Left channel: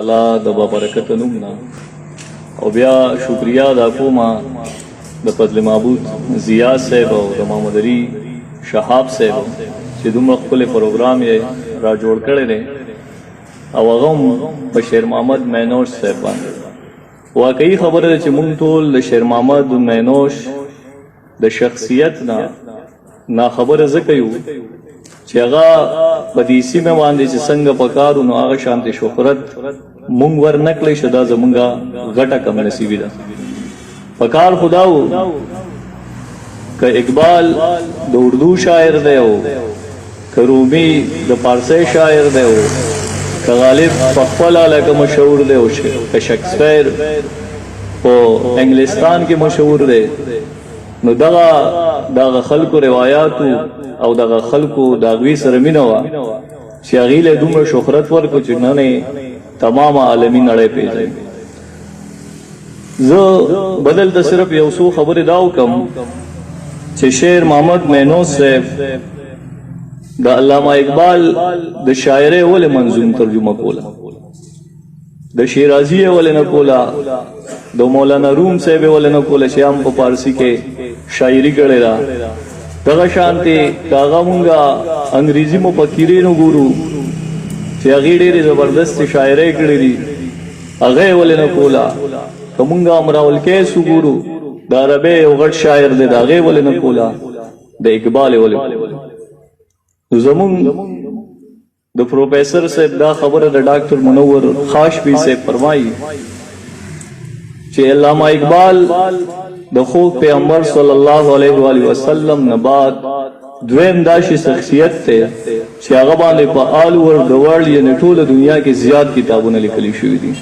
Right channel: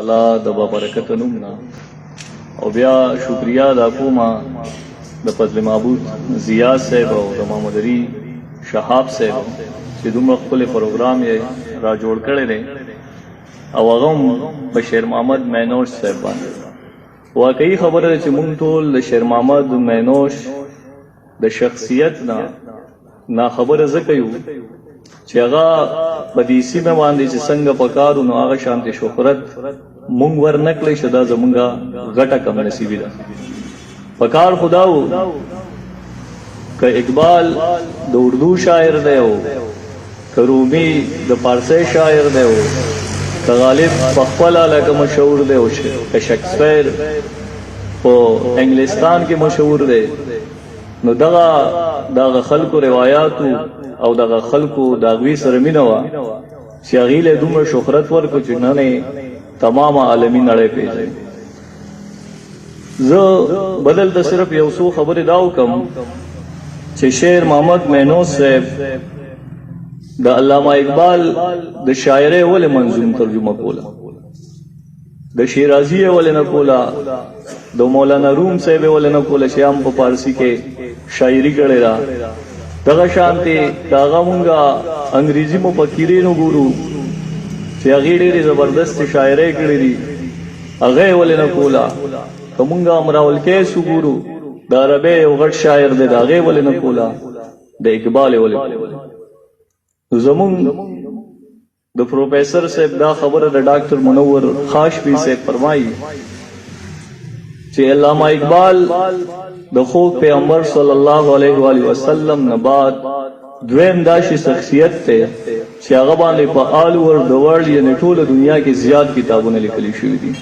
الله د برکت نومنا او بیا شکریا دا کومه د فضل معبود ضیا صاحب او د محمد علي شهاب صاحب چې دومره خپل پروګرام یې را جوړ کړی دی او هغه هم په شیر محمد مینوش صاحب باندې واقعي خبره ده چې مونږ ټول د شیر محمد مینوش د شخصیت نه خبره ځکه یو چې هغه په دې سیمه باندې چې څنګه پکارو نو هغه شانتي شهرت مونږ ورنکلی شو دا زمونږه غټه کم نصیبي ده پکار خداو که اقبال د اردو شاعر دی او که رومی د فارسی شاعر دی او که غالب په خپل لکه مشهور دی او که شکسپیر په انګلستان کې مشهور دی نو دغه خلکو روایاتو او دغه خلکو د هغوی سره مینه وه چې هغوی له دومره شهرت ورکړو چې نن یې تمام عالمي نړۍ پېژني. زه به دلته صرف یو څو خبرې دا وکړم چې شیر محمد مینوش صاحب د علامه اقبال د شاعرۍ ولې منظوم ترجمه کوله، د شیرازي یې ولې نه کوله، د مولانا روم صاحب یې ولې نه کوله چې هم په فارسي کې شاعري کړې ده. دغه شانتې که هغه مونږه انګریزي مفکرین وګورو چې هغې ډېرې زبردستې شاعرۍ کړې دي هغه یې ولې نه کوله. که مونږ امراء القیس وګورو د عربۍ یو غټ شاعر دی د هغې ولې نه کوله، د اقبال یې ولې کوله. زمونږ د پروفیسر صاحب دا خبره د ډاکټر منور خاشبی صاحب فرمایي چې علامه اقبال د خوب پیغمبر صلی الله علیه و آله وسلم نه بعد دویم داسې شخصیت دی چې هغه باندې په آل اوور د ورلډ یعنې ټوله دنیا کې زیات کتابونه لیکلي شوي دي.